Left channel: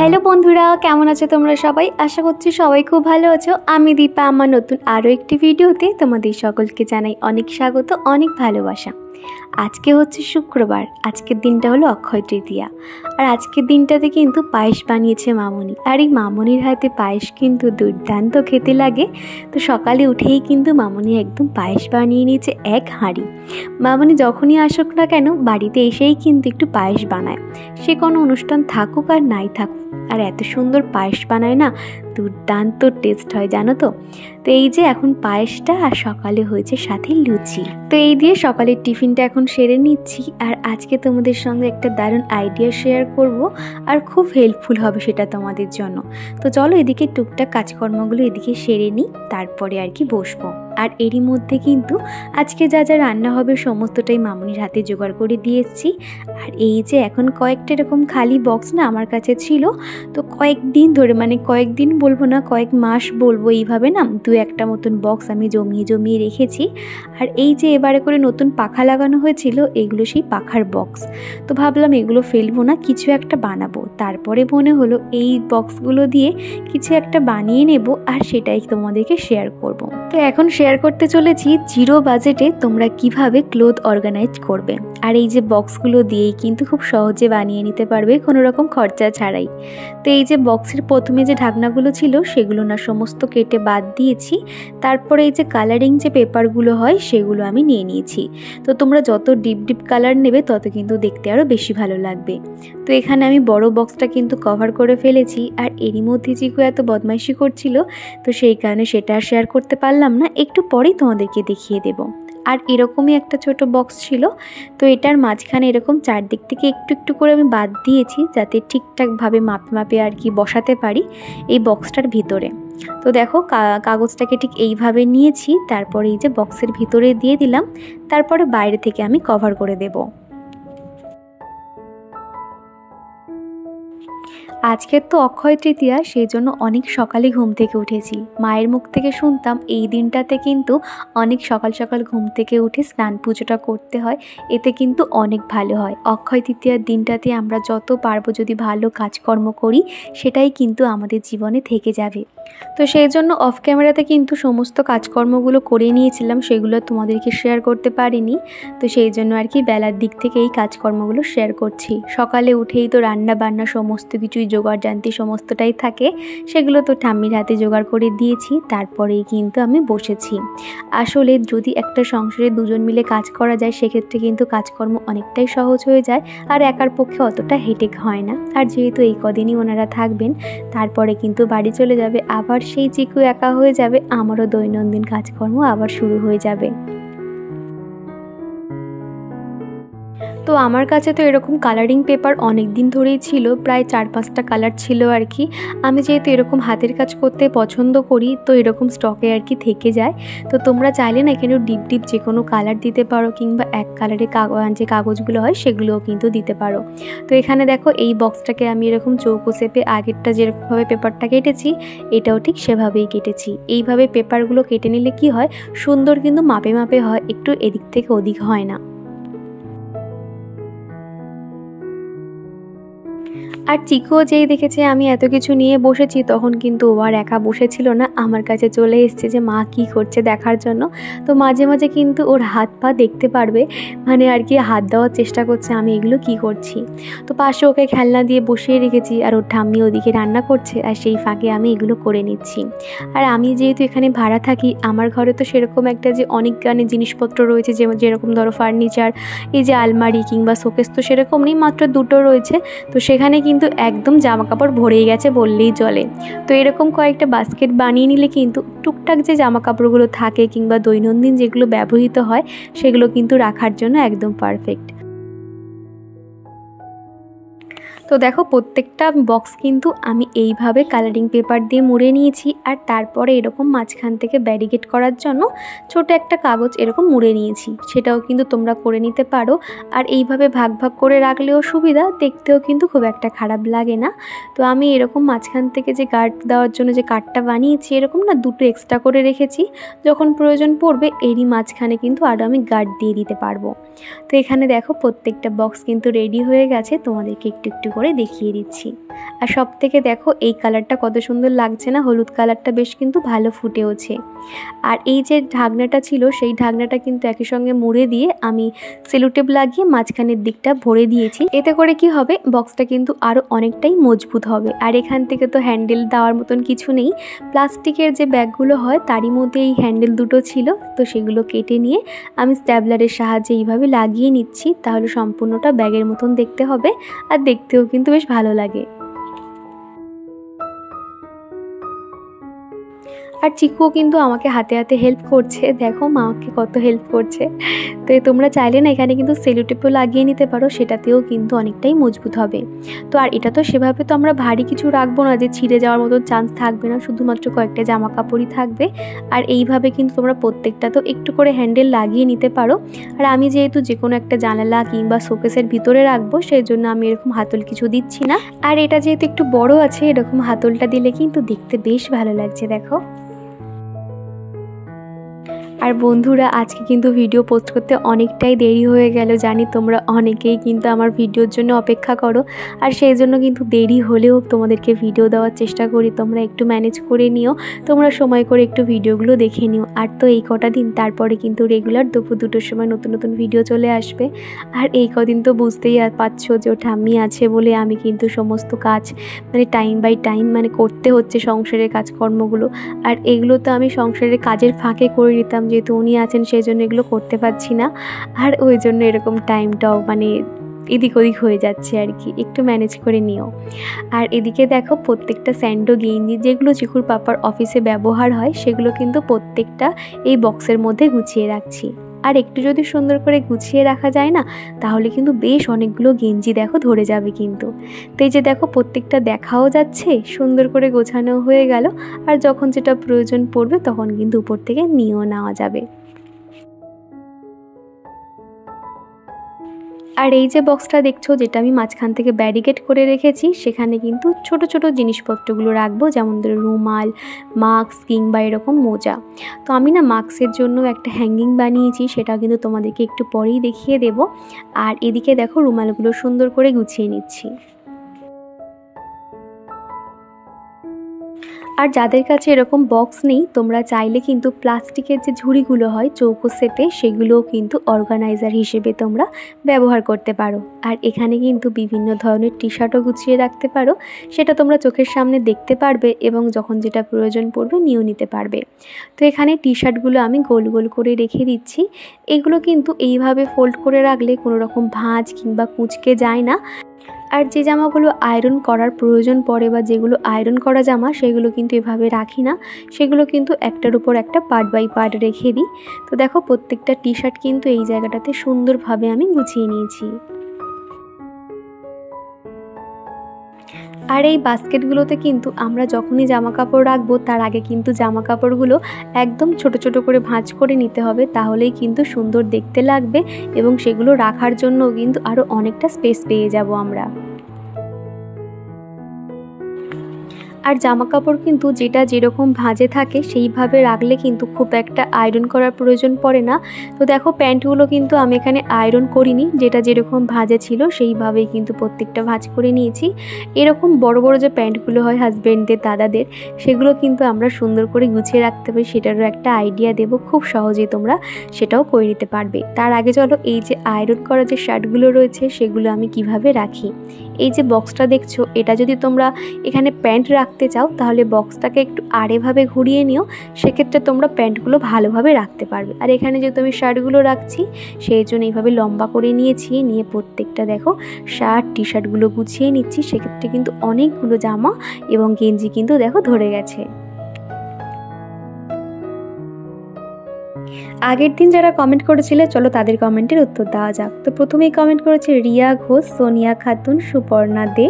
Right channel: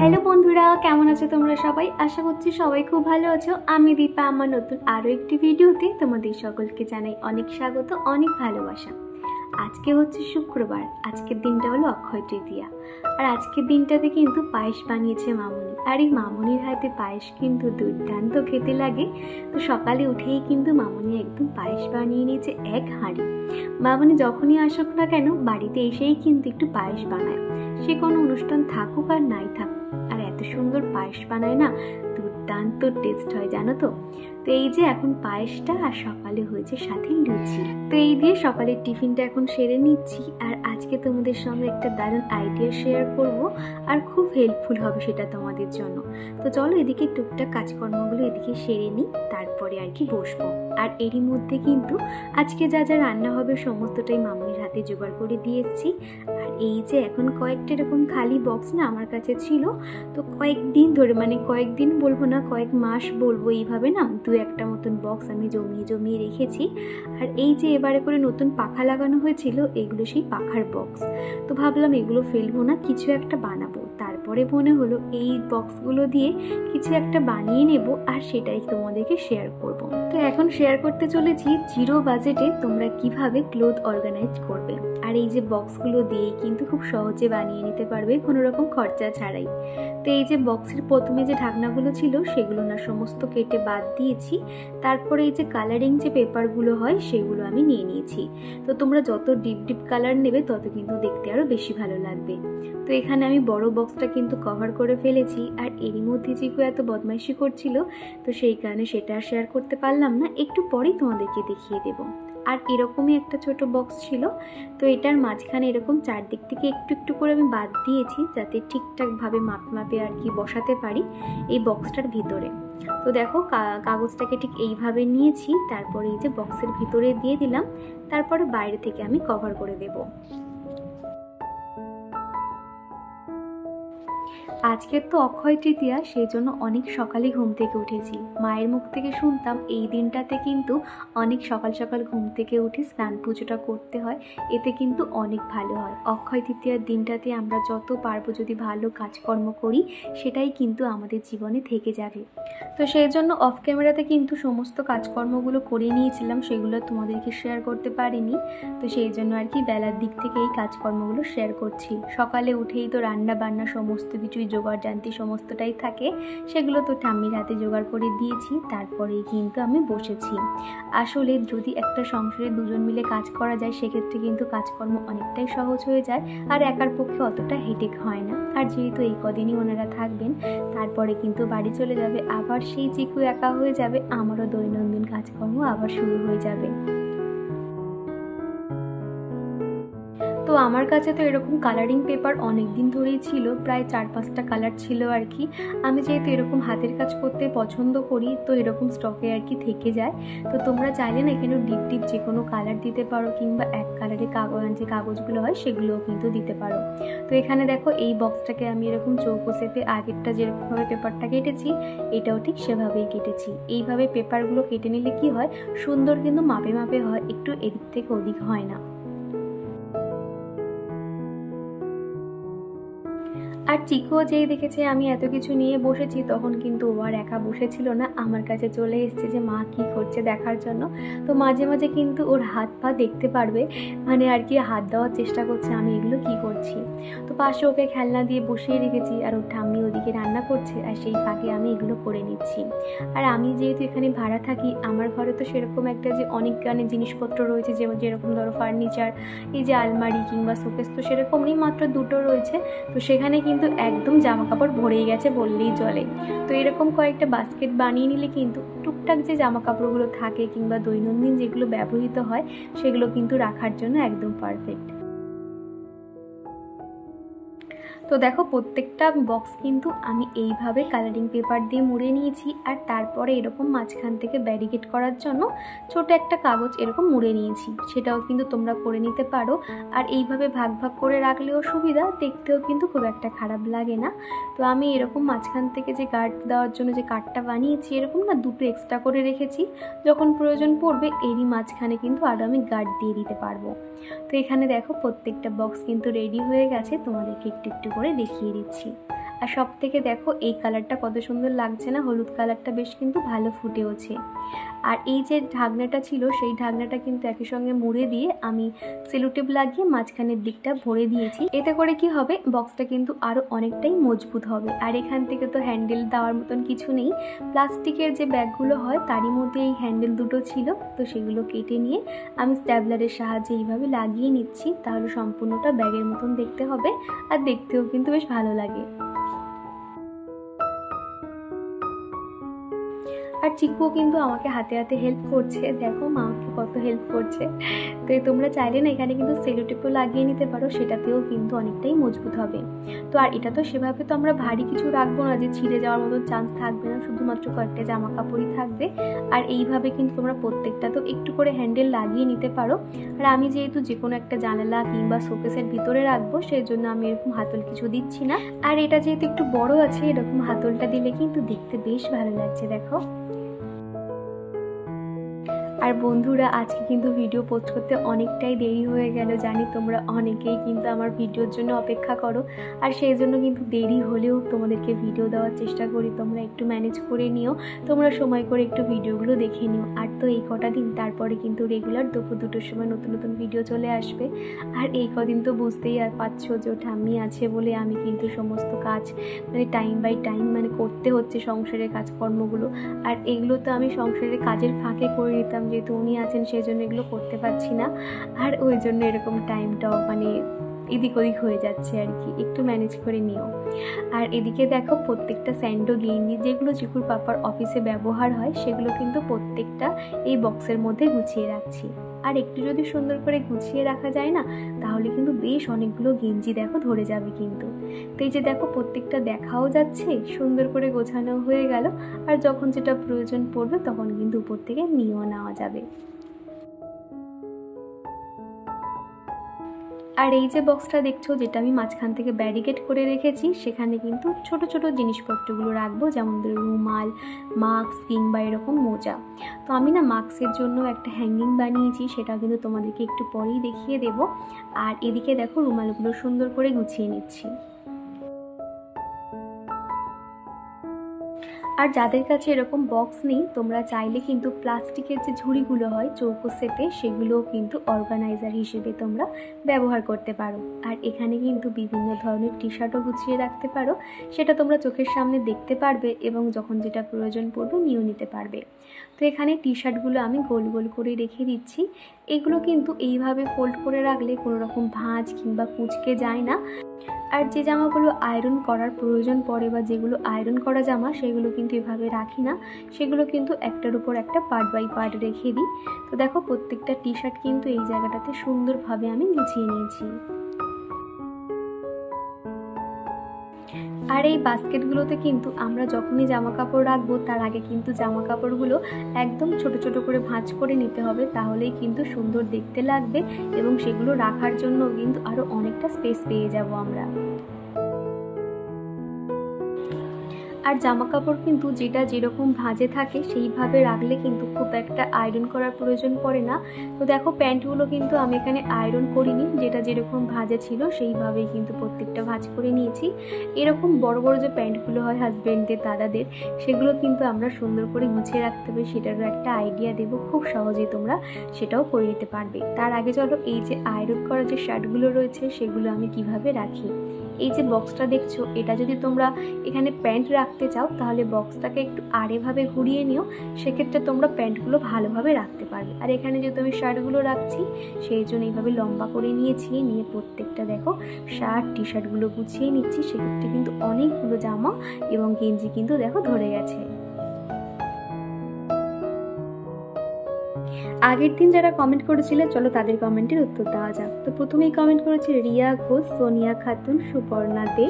Hello বন্ধুরা, কেমন আছো তোমরা সবাই? আশা করছি সবাই খুব ভালো আছো। আমি দীপা আমার নতুন আরও একটি ভিডিওতে তোমাদের সকলকে জানাই অনেক স্বাগত, অনেক ভালোবাসা। আজকে হচ্ছে শুক্রবার, আজকের দিনটা হলো অক্ষয় তৃতীয়া। আর আজকের দিনটাতে কিন্তু পায়েস বানিয়েছে মামনি। আর এই মামনির হাতে পায়েস কিন্তু দুর্দান্ত খেতে লাগে। তো সকালে উঠেই কিন্তু মামনি একদম পায়েস বানিয়ে নিয়েছে এক হাঁড়ি। মামনি যখনই আসুক না কেন বাড়িতে এসেই কিন্তু একটু পায়েস বানায়, সে কোনো অনুষ্ঠান থাকুক আর নাই থাকুক। আর এত সুন্দর পায়েস বানায় না, দুর্দান্ত টেস্ট হয় জানো তো। তো এই যে এখন পায়েসটা আর সকালে হয়েছে সাথে লুচি। তো এই দিয়ে সকালের টিফিনটা এখন সেরে নিচ্ছি। আর আজকে তোমাদের সঙ্গে একটা দারুণ আইডিয়া শেয়ার করব, আর খুব হেল্পফুল হবে সেটা তোমাদের জন্য। তো চলো এদিকে টুকটাক কাজকর্মগুলো এদিকে সেরে নিই, তারপরে আর কি বসবো। আর এরই মধ্যে কিন্তু আজকে যা যা রান্না হবে সমস্তটাই মামনির হাতে জোগাড় করে দিয়ে এসেছি। আর এই যে এখন কয়েকটা এরকম খালি বক্স না আমার কাছে ছিল, তো কয়েকদিন ধরে, মানে কয়েকদিন বলবো না, কয়েক মাস বলবো, এইভাবে না দু একটা মতন বক্স আমি জমিয়ে জমিয়ে রেখেছি। আর এই যে এবারে করে নতুন পাখা লাগানো হয়েছিল, এগুলো সেই পাখার বক্স। তো ভাবলাম এগুলো ফেলবো না, কিছু একটা বানাবো। তারপরে মনে হলো এই বক্সগুলো দিয়ে কিছু একটা বানিয়ে নেব, আর সেটাই তোমাদেরকে শেয়ার করব। তো এখন শেয়ার করতে চলেছি জিরো বাজেটে তোমরা কিভাবে ক্লোথ অর্গানাইজ করবে। আর এই যে বক্সগুলো দিয়েই কিন্তু খুব সহজে বানিয়ে নিতে পারবে, কোনো রকম খরচা ছাড়াই। তো এই যে বক্সের প্রথমে যে ঢাকনাগুলো ছিল সেগুলো না সমস্ত কেটে বাদ দিয়েছি। তারপরে এই যে কালারিং যে পেপারগুলো হয় সেগুলো আমি নিয়ে নিয়েছি। তো তোমরা যত ডিপ ডিপ কালার নেবে তত কিন্তু দেখতে আরও বেশি ভালো লাগবে। তো এখানে আমি বড় বক্সটা কিন্তু কভার করে ফেলেছি। আর এরই মধ্যে চিকু এত বদমাইশি করছিল, তো সেই কারণে সেটা শেয়ার করতে পারলাম না, একটু পরেই তোমাদেরকে দেখিয়ে দেব। আর এরকমই একটা ছোট বক্স ছিল, তো এটার মাঝখানে এরকম চারদিক থেকে একটু একটু করে আমি বাদ দিয়েছি, যাতে ঠিকঠাকভাবে মাপে মাপে আর কি বসাতে পারি এই বক্সটার ভিতরে। তো দেখো কাগজটাকে ঠিক এইভাবে নিয়েছি, তারপরে এই যে বক্সের ভিতরে দিয়ে দিলাম, তারপরে বাইরে থেকে আমি কভার করে দেবো। আজকের তো অক্ষয় তৃতীয়া, সেই জন্য অনেক সকালে ঘুম থেকে উঠেছি। মায়ের মুখ থেকে শুনতাম এই দিনটাতে কিন্তু অনেক সকাল সকাল ঘুম থেকে উঠে স্নান পুজোটা করতে হয়, এতে কিন্তু অনেক ভালো হয়। অক্ষয় তৃতীয়ার দিনটাতে আমরা যত পারবো যদি ভালো কাজকর্ম করি, সেটাই কিন্তু আমাদের জীবনে থেকে যাবে। তো সেই জন্য অফ ক্যামেরাতে কিন্তু সমস্ত কাজকর্মগুলো করে নিয়েছিলাম, সেগুলো তোমাদেরকে শেয়ার করতে পারিনি। তো সেই জন্য আর কি বেলার দিক থেকে এই কাজকর্মগুলো শেয়ার করছি। সকালে উঠেই তো রান্না বান্না সমস্ত কিছুই জোগাড় জানতি সমস্তটাই থাকে, সেগুলো তো ঠাম্মির হাতে জোগাড় করে দিয়েছি, তারপরেই কিন্তু আমি বসেছি। আসলে যদি একটা সংসারে দুজন মিলে কাজ করা যায়, সেক্ষেত্রে কিন্তু কাজকর্ম অনেকটাই সহজ হয়ে যায়, আর একার পক্ষে অতটা হেডেক হয় না। আর যেহেতু এই কদিনই ওনারা থাকবেন, তারপরে কিন্তু বাড়ি চলে যাবে, আবার সেই চিকু একা হয়ে যাবে, আমারও দৈনন্দিন কাজকর্ম আবার শুরু হয়ে যাবে। তো আমার কাছে তো এরকম কালারিং পেপার অনেক দিন ধরেই ছিল, প্রায় 4-5টা কালার ছিল আর কি। আমি যেহেতু এরকম হাতের কাজ করতে পছন্দ করি, তো এরকম স্টকে আর কি থেকে যায়। তো তোমরা চাইলে না এখানে ডিপ ডিপ যে কোনো কালার দিতে পারো, কিংবা এক কালারের যে কাগজগুলো হয় সেগুলোও কিন্তু দিতে পারো। তো এখানে দেখো এই বক্সটাকে আমি এরকম চৌকো শেপে আগেরটা যেরকমভাবে পেপারটা কেটেছি, এটাও ঠিক সেভাবেই কেটেছি। এইভাবে পেপারগুলো কেটে নিলে কি হয়, সুন্দর কিন্তু মাপে মাপে হয়, একটু এদিক থেকে ওদিক হয় না। আর চিকুও যেই দেখেছে আমি এত কিছু নিয়ে বসেছি, তখন কিন্তু ও আর একা বসেছিল না, আমার কাছে চলে এসেছে যে মা কি করছে দেখার জন্য। তো মাঝে মাঝে কিন্তু ওর হাত পা দেখতে পারবে, মানে আর কি হাত দেওয়ার চেষ্টা করছে আমি এগুলো কি করছি। তো পাশে ওকে খেলনা দিয়ে বসিয়ে রেখেছি, আর ওর ঠাম্মি ওদিকে রান্না করছে, আর সেই ফাঁকে আমি এগুলো করে নিচ্ছি। আর আমি যেহেতু এখানে ভাড়া থাকি, আমার ঘরে তো সেরকম একটা যে অনেক গানে জিনিসপত্র রয়েছে, যেরকম ধরো ফার্নিচার, এই যে আলমারি কিংবা শোকেস, তো সেরকম নেই, মাত্র দুটো রয়েছে। তো সেখানে কিন্তু একদম জামা কাপড় ভরেই গেছে বললেই চলে। তো এরকম কয়েকটা বাস্কেট বানিয়ে নিলে কিন্তু টুকটাক যে জামা কাপড়গুলো থাকে কিংবা দৈনন্দিন যেগুলো ব্যবহৃত হয়, সেগুলো কিন্তু রাখার জন্য একদম পারফেক্ট। তো দেখো প্রত্যেকটা বক্স কিন্তু আমি এইভাবে কালারিং পেপার দিয়ে মুড়ে নিয়েছি, আর তারপরে এরকম মাঝখান থেকে ব্যারিকেড করার জন্য ছোট একটা কাগজ এরকম মুড়ে নিয়েছি, সেটাও কিন্তু তোমরা করে নিতে পারো। আর এইভাবে ভাগ ভাগ করে রাখলেও সুবিধা, দেখতেও কিন্তু খুব একটা খারাপ লাগে না। তো আমি এরকম মাঝখান থেকে যে গার্ড দেওয়ার জন্য যে কার্ডটা বানিয়েছি, এরকম না দুটো এক্সট্রা করে রেখেছি, যখন প্রয়োজন পড়বে এরই মাঝখানে কিন্তু আরও আমি গার্ড দিয়ে দিতে পারবো। তো এখানে দেখো প্রত্যেকটা বক্স কিন্তু রেডি হয়ে গেছে, তোমাদেরকে একটু একটু করে দেখিয়ে দিচ্ছি। আর সব থেকে দেখো এই কালারটা কত সুন্দর লাগছে না, হলুদ কালারটা বেশ কিন্তু ভালো ফুটেওছে। আর এই যে ঢাকনাটা ছিল সেই ঢাকনাটা কিন্তু একই সঙ্গে মুড়ে দিয়ে আমি সেলোটেপ লাগিয়ে মাঝখানের দিকটা ভরে দিয়েছি। এতে করে কি হবে, বক্সটা কিন্তু আরও অনেকটাই মজবুত হবে। আর এখান থেকে তো হ্যান্ডেল দেওয়ার মতন কিছু নেই, প্লাস্টিকের যে ব্যাগগুলো হয় তারই মধ্যে এই হ্যান্ডেল দুটো ছিল, তো সেগুলো কেটে নিয়ে আমি স্ট্যাবলারের সাহায্যে এইভাবে লাগিয়ে নিচ্ছি। তাহলে সম্পূর্ণটা ব্যাগের মতন দেখতে হবে আর দেখতেও কিন্তু বেশ ভালো লাগে। আর চিকুও কিন্তু আমাকে হাতে হাতে হেল্প করছে, দেখো মাকে কত হেল্প করছে। তো তোমরা চাইলে না এখানে কিন্তু সেলোটেপও লাগিয়ে নিতে পারো, সেটাতেও কিন্তু অনেকটাই মজবুত হবে। তো আর এটা তো সেভাবে তো আমরা ভারী কিছু রাখবো না যে ছিঁড়ে যাওয়ার মতো চান্স থাকবে না, শুধুমাত্র কয়েকটা জামা কাপড়ই থাকবে। আর এইভাবে কিন্তু তোমরা প্রত্যেকটা তো একটু করে হ্যান্ডেল লাগিয়ে নিতে পারো। আর আমি যেহেতু যে কোনো একটা জানালা কিংবা শোকেসের ভিতরে রাখবো, সেই জন্য আমি এরকম হাতল কিছু দিচ্ছি না। আর এটা যেহেতু একটু বড় আছে, এরকম হাতলটা দিলে কিন্তু দেখতে বেশ ভালো লাগছে, দেখো। আর বন্ধুরা, আজকে কিন্তু ভিডিও পোস্ট করতে অনেকটাই দেরি হয়ে গেল, জানি তোমরা অনেকেই কিন্তু আমার ভিডিওর জন্য অপেক্ষা করো। আর সেই জন্য কিন্তু দেরি হলেও তোমাদেরকে ভিডিও দেওয়ার চেষ্টা করি, তোমরা একটু ম্যানেজ করে নিও, তোমরা সময় করে একটু ভিডিওগুলো দেখে নিও। আর তো এই কটা দিন, তারপরে কিন্তু রেগুলার দুপুর 2টোর সময় নতুন নতুন ভিডিও চলে আসবে। আর এই কদিন তো বুঝতেই পারছো যে ও ঠাম্মি আছে বলে আমি কিন্তু সমস্ত কাজ মানে টাইম বাই টাইম মানে করতে হচ্ছে সংসারের কাজকর্মগুলো। আর এগুলো তো আমি সংসারের কাজের ফাঁকে করে নিতাম, যেহেতু উনি আছেন সেই জন্য এগুলো করতে পারছি না। আর ওই জন্য এরকম টাইমটাও মানে এদিক ওদিক হয়ে যাচ্ছে আর কি, একটু ম্যানেজ করে নিও। আর এদিকে দেখো প্রত্যেকটা স্যান্ডো গেঞ্জি যেগুলো চিকুর পাপার অফিসে ব্যবহার হয়, সেগুলো কিন্তু প্রত্যেকটা এই বক্সের মধ্যে গুছিয়ে রাখছি। আর একটু যদি সুন্দর করে গুছিয়ে রাখা যায় না, তাহলে কিন্তু বেশ অনেকগুলো গেঞ্জি দেখো ধরে যাবে কিন্তু। তো এই যে দেখো প্রত্যেকটা দেখাও যাচ্ছে, সুন্দর করে গোছানো হয়ে গেল। আর যখন যেটা প্রয়োজন পড়বে তখন কিন্তু উপর থেকে নিয়েও নেওয়া যাবে। আর এই যে বক্সটা দেখছো, যেটা আমি মাঝখান থেকে ব্যারিকেড করে রেখেছি, সেখানে কিন্তু ছোট ছোট জিনিসপত্রগুলো রাখবো, যেমন ধরো রুমাল, মাস্ক কিংবা এরকম মোজা। তো আমি না মাস্কের জন্য একটা হ্যাঙ্গিং বানিয়েছি, সেটা কিন্তু তোমাদেরকে একটু পরেই দেখিয়ে দেব। আর এদিকে দেখো রুমালগুলো সুন্দর করে গুছিয়ে নিচ্ছি। আর যাদের কাছে এরকম বক্স নেই, তোমরা চাইলে কিন্তু প্লাস্টিকের যে ঝুড়িগুলো হয় চৌকো শেপে, সেগুলোও কিন্তু অর্গানাইজার হিসেবে তোমরা ব্যবহার করতে পারো। আর এখানে কিন্তু বিভিন্ন ধরনের টি শার্টও গুছিয়ে রাখতে পারো, সেটা তোমরা চোখের সামনে দেখতে পারবে এবং যখন যেটা প্রয়োজন পড়বে নিয়েও নিতে পারবে। তো এখানে টি শার্টগুলো আমি গোল গোল করে রেখে দিচ্ছি। এগুলো কিন্তু এইভাবে ফোল্ড করে রাখলে কোনো রকম ভাঁজ কিংবা কুঁচকে যায় না। আর যে জামাগুলো আয়রন করার প্রয়োজন পড়ে বা যেগুলো আয়রন করা জামা, সেগুলো কিন্তু এভাবে রাখি না, সেগুলো কিন্তু একটার উপর একটা পার্ট বাই পার্ট রেখে দিই। তো দেখো প্রত্যেকটা টি শার্ট কিন্তু এই জায়গাটাতে সুন্দরভাবে আমি গুছিয়ে নিয়েছি। আর এই বাস্কেটগুলোতে কিন্তু আমরা যখনই জামা কাপড় রাখবো, তার আগে কিন্তু জামা কাপড়গুলো একদম ছোট ছোট করে ভাঁজ করে নিতে হবে, তাহলেই কিন্তু সুন্দর দেখতে লাগবে এবং সেগুলো রাখার জন্য কিন্তু আরও অনেকটা স্পেস পেয়ে যাব আমরা। আর জামা কাপড় কিন্তু যেটা যেরকম ভাঁজে থাকে সেইভাবে রাখলে কিন্তু খুব একটা আয়রন করার প্রয়োজন পড়ে না। তো দেখো প্যান্টগুলো কিন্তু আমি এখানে আয়রন করিনি, যেটা যেরকম ভাঁজে ছিল সেইভাবেই কিন্তু প্রত্যেকটা ভাঁজ করে নিয়েছি। এরকম বড় বড় যে প্যান্টগুলো হয় হাজব্যান্ডদের, দাদাদের, সেগুলো কিন্তু আমরা সুন্দর করে গুছিয়ে রাখতে পারি, সেটারও একটা আইডিয়া দেবো, খুব সহজেই তোমরা সেটাও করে নিতে পারবে। তার আগে চলো এই যে আয়রন করা যে শার্টগুলো রয়েছে সেগুলো আমি কিভাবে রাখি। এই যে বক্সটা দেখছো, এটা যদি তোমরা এখানে প্যান্ট রাখতে চাও, তাহলে বক্সটাকে একটু আড়েভাবে ঘুরিয়ে নিও, সেক্ষেত্রে তোমরা প্যান্টগুলো ভালোভাবে রাখতে পারবে। আর এখানে যেহেতু আমি শার্টগুলো রাখছি, সেই জন্য এইভাবে লম্বা করে নিয়েছি, নিয়ে প্রত্যেকটা দেখো শার্ট টি শার্টগুলো গুছিয়ে নিচ্ছি। সেক্ষেত্রে কিন্তু অনেকগুলো জামা এবং গেঞ্জি কিন্তু দেখো ধরে গেছে। আগের দিন যারা কমেন্ট করেছিল, চলো তাদের কমেন্টের উত্তর দেওয়া যাক। তো প্রথমেই কমেন্ট করেছে রিয়া ঘোষ, সোনিয়া খাতুন, সুপর্ণা দে,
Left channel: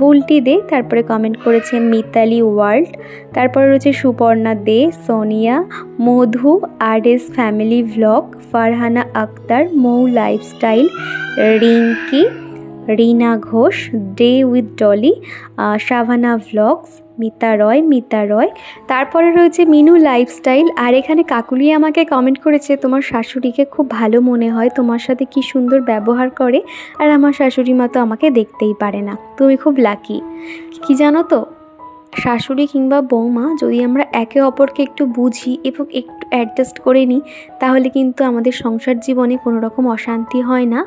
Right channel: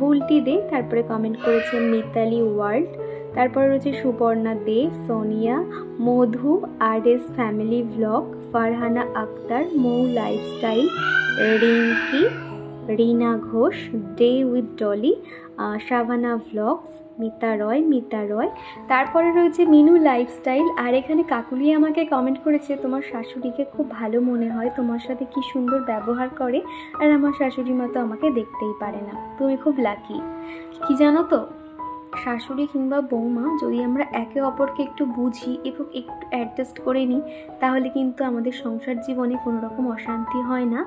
বুলটি দে, তারপরে কমেন্ট করেছে মিতালি ওয়ার্ল্ড, তারপরে রয়েছে Suparna De, Sonia, Madhu, RS family vlog, Farhana Akter, Mou lifestyle, Rinki, Rina Ghosh, day with Dolly, Shabana vlogs, Mita Roy, তারপরে রয়েছে মিনু লাইফস্টাইল। আর এখানে কাকুলি আমাকে কমেন্ট করেছে, তোমার শাশুড়িকে খুব ভালো মনে হয়, তোমার সাথে কি সুন্দর ব্যবহার করে, আর আমার শাশুড়ি মা তো আমাকে দেখতেই পারে না, তুমি খুব লাকি। কি জানো তো, শাশুড়ি কিংবা বৌমা যদি আমরা একে অপরকে একটু বুঝি এবং একটু অ্যাডজাস্ট করে নিই, তাহলে কিন্তু আমাদের সংসার জীবনে কোনো রকম অশান্তি হয় না।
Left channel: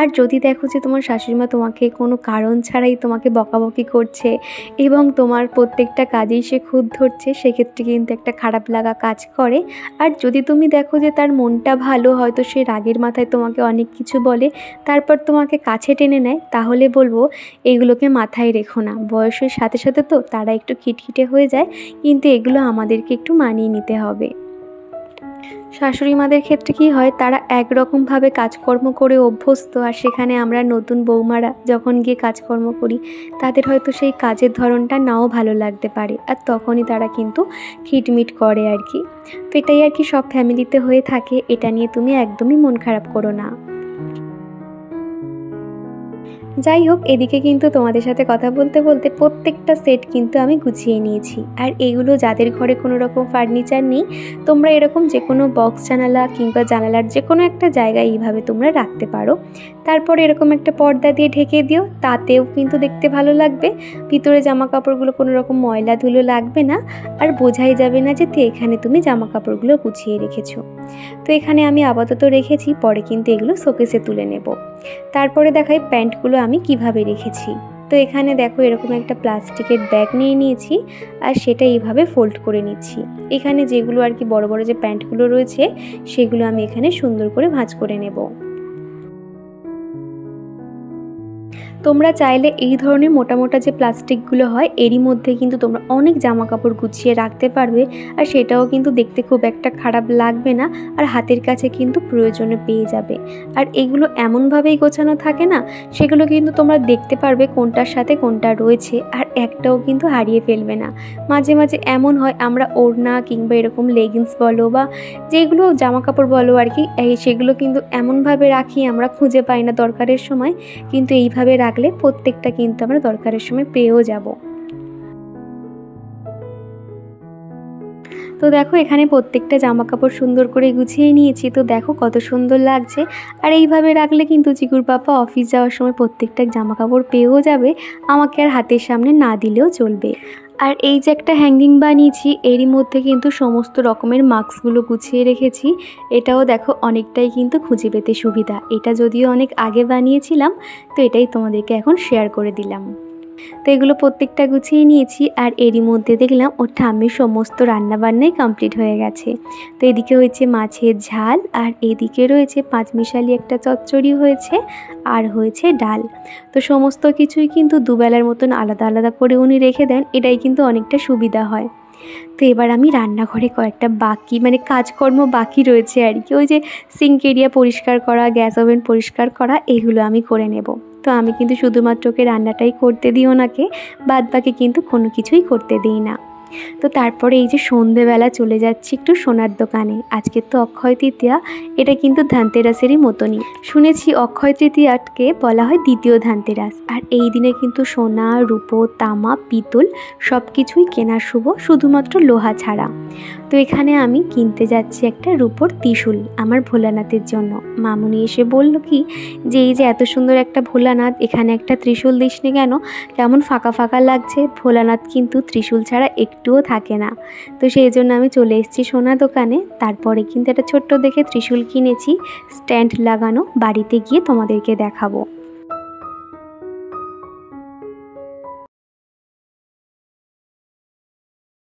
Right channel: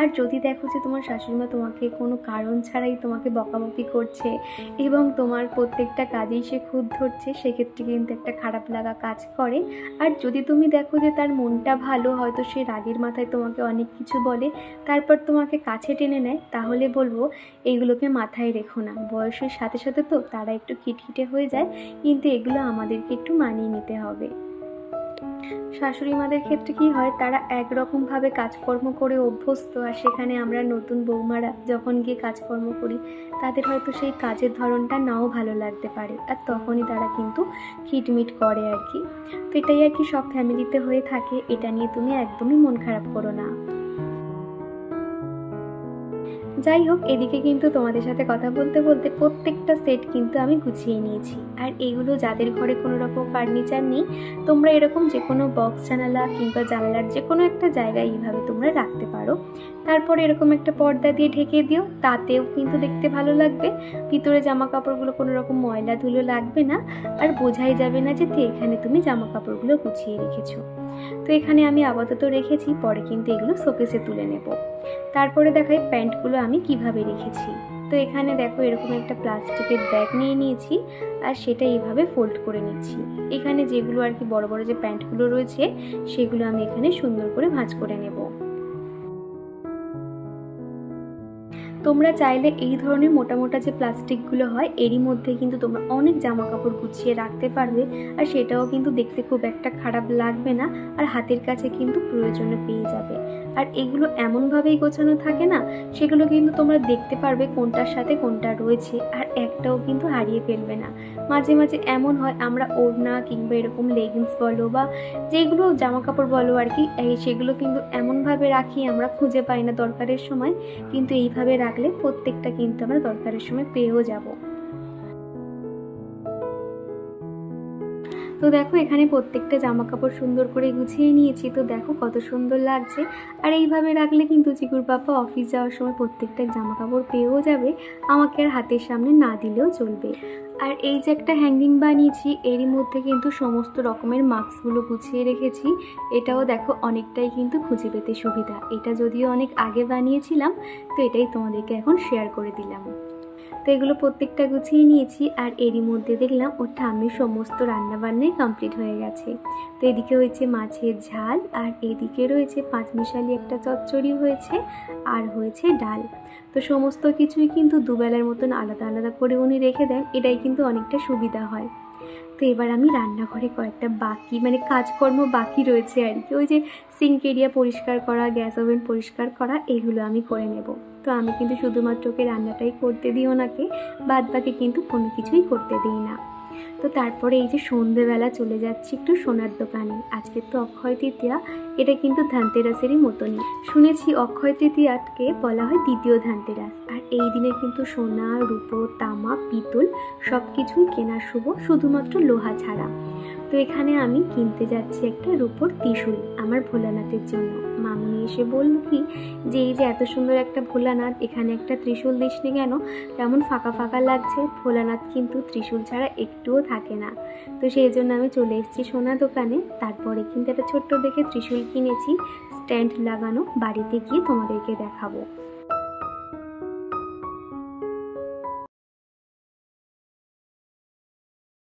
আর যদি দেখো যে তোমার শাশুড়িমা তোমাকে কোনো কারণ ছাড়াই তোমাকে বকাবকি করছে এবং তোমার প্রত্যেকটা কাজেই সে খুঁত ধরছে, সেক্ষেত্রে কিন্তু একটা খারাপ লাগা কাজ করে। আর যদি তুমি দেখো যে তার মনটা ভালো, হয়তো সে রাগের মাথায় তোমাকে অনেক কিছু বলে, তারপর তোমাকে কাছে টেনে নেয়, তাহলে বলবো এগুলোকে মাথায় রেখো না। বয়সের সাথে সাথে তো তারা একটু খিটখিটে হয়ে যায়, কিন্তু এগুলো আমাদেরকে একটু মানিয়ে নিতে হবে। শাশুড়ি মাদের ক্ষেত্রে কি হয়, তারা একরকমভাবে কাজকর্ম করে অভ্যস্ত, আর সেখানে আমরা নতুন বৌমারা যখন গিয়ে কাজকর্ম করি, তাদের হয়তো সেই কাজের ধরনটা নাও ভালো লাগতে পারে, আর তখনই তারা কিন্তু খিটমিট করে আর কি। তো এটাই আর কি সব ফ্যামিলিতে হয়ে থাকে, এটা নিয়ে তুমি একদমই মন খারাপ করো না। যাই হোক, এদিকে কিন্তু তোমাদের সাথে কথা বলতে বলতে প্রত্যেকটা সেট কিন্তু আমি গুছিয়ে নিয়েছি। আর এগুলো যাদের ঘরে কোনো রকম ফার্নিচার নেই, তোমরা এরকম যে কোনো বক্স জানালা কিংবা জানালার যে কোনো একটা জায়গায় এইভাবে তোমরা রাখতে পারো। তারপর এরকম একটা পর্দা দিয়ে ঢেকে দিও, তাতেও কিন্তু দেখতে ভালো লাগবে। ভিতরে জামা কাপড়গুলো কোনো রকম ময়লা ধুলো লাগবে না, আর বোঝাই যাবে না যে এখানে তুমি জামা কাপড়গুলো গুছিয়ে রেখেছো। তো এখানে আমি আপাতত রেখেছি, পরে কিন্তু এগুলো শোকেসে তুলে নেব। তারপরে দেখাই প্যান্টগুলো আমি কিভাবে রেখেছি। তো এখানে দেখো এরকম একটা প্লাস্টিকের ব্যাগ নিয়ে নিয়েছি, আর সেটা এইভাবে ফোল্ড করে নিচ্ছি। এখানে যেগুলো আর কি বড় বড় যে প্যান্টগুলো রয়েছে, সেগুলো আমি এখানে সুন্দর করে ভাঁজ করে নেব। তোমরা চাইলে এই ধরনের মোটা মোটা যে প্লাস্টিকগুলো হয়, এরই মধ্যে কিন্তু তোমরা অনেক জামা কাপড় গুছিয়ে রাখতে পারবে, আর সেটাও কিন্তু দেখতে খুব একটা খারাপ লাগবে না, আর হাতের কাছে কিন্তু প্রয়োজনে পেয়ে যাবে। আর এগুলো এমনভাবেই গোছানো থাকে না, সেগুলো কিন্তু তোমরা দেখতে পারবে কোনটার সাথে কোনটা রয়েছে, আর একটাও কিন্তু হারিয়ে ফেলবে না। মাঝে মাঝে এমন হয় আমরা ওড়না কিংবা এরকম লেগিংস বলো বা যেগুলো জামা কাপড় বলো আর কি, সেগুলো কিন্তু এমনভাবে রাখি আমরা খুঁজে পাই না দরকারের সময়, কিন্তু এইভাবে রাখলে প্রত্যেকটা কিন্তু আমরা দরকারের সময় পেয়েও যাব। তো দেখো এখানে প্রত্যেকটা জামা কাপড় সুন্দর করে গুছিয়ে নিয়েছি। তো দেখো কত সুন্দর লাগছে। আর এইভাবে রাখলে কিন্তু চিকুর পাপা অফিস যাওয়ার সময় প্রত্যেকটা জামা কাপড় পেয়েও যাবে, আমাকে আর হাতের সামনে না দিলেও চলবে। আর এই যে একটা হ্যাঙ্গিং বানিয়েছি, এরই মধ্যে কিন্তু সমস্ত রকমের মাস্কগুলো গুছিয়ে রেখেছি। এটাও দেখো অনেকটাই কিন্তু খুঁজে পেতে সুবিধা। এটা যদিও অনেক আগে বানিয়েছিলাম, তো এটাই তোমাদেরকে এখন শেয়ার করে দিলাম। তো এগুলো প্রত্যেকটা গুছিয়ে নিয়েছি। আর এরই মধ্যে দেখলাম ওর ঠাম্মির সমস্ত রান্নাবান্নাই কমপ্লিট হয়ে গেছে। তো এদিকে হয়েছে মাছের ঝাল, আর এদিকে রয়েছে পাঁচমিশালি একটা চচ্চড়ি হয়েছে, আর হয়েছে ডাল। তো সমস্ত কিছুই কিন্তু দুবেলার মতন আলাদা আলাদা করে উনি রেখে দেন, এটাই কিন্তু অনেকটা সুবিধা হয়। তো এবার আমি রান্নাঘরে কয়েকটা বাকি কাজকর্ম বাকি রয়েছে আর কি, ওই যে সিঙ্ক এরিয়া পরিষ্কার করা, গ্যাস ওভেন পরিষ্কার করা, এগুলো আমি করে নেব। তো আমি কিন্তু শুধুমাত্র ওকে রান্নাটাই করতে দিই ওনাকে, বাদ বাকি কিন্তু কোনো কিছুই করতে দিই না। তো তারপরে এই যে সন্ধেবেলা চলে যাচ্ছি একটু সোনার দোকানে। আজকে তো অক্ষয় তৃতীয়া, এটা কিন্তু ধানতেরাসেরই মতনই। শুনেছি অক্ষয় তৃতীয়াকে বলা হয় দ্বিতীয় ধানতেরাস। আর এই দিনে কিন্তু সোনা, রূপো, তামা, পিতল সব কিছুই কেনা শুভ, শুধুমাত্র লোহা ছাড়া। তো এখানে আমি কিনতে যাচ্ছি একটা রূপোর ত্রিশূল আমার ভোলানাথের জন্য। মামুনি এসে বলল কি যে এই যে এত সুন্দর একটা ভোলানাথ, এখানে একটা ত্রিশূল দিসনি কেন, কেমন ফাঁকা ফাঁকা লাগছে। ভোলানাথ কিন্তু ত্রিশূল ছাড়া একটুও থাকে না। তো সেই জন্য আমি চলে এসেছি সোনা দোকানে। তারপরে কিন্তু একটা ছোট্ট দেখে ত্রিশূল কিনেছি, স্ট্যান্ড লাগানো, বাড়িতে গিয়ে তোমাদেরকে দেখাবো।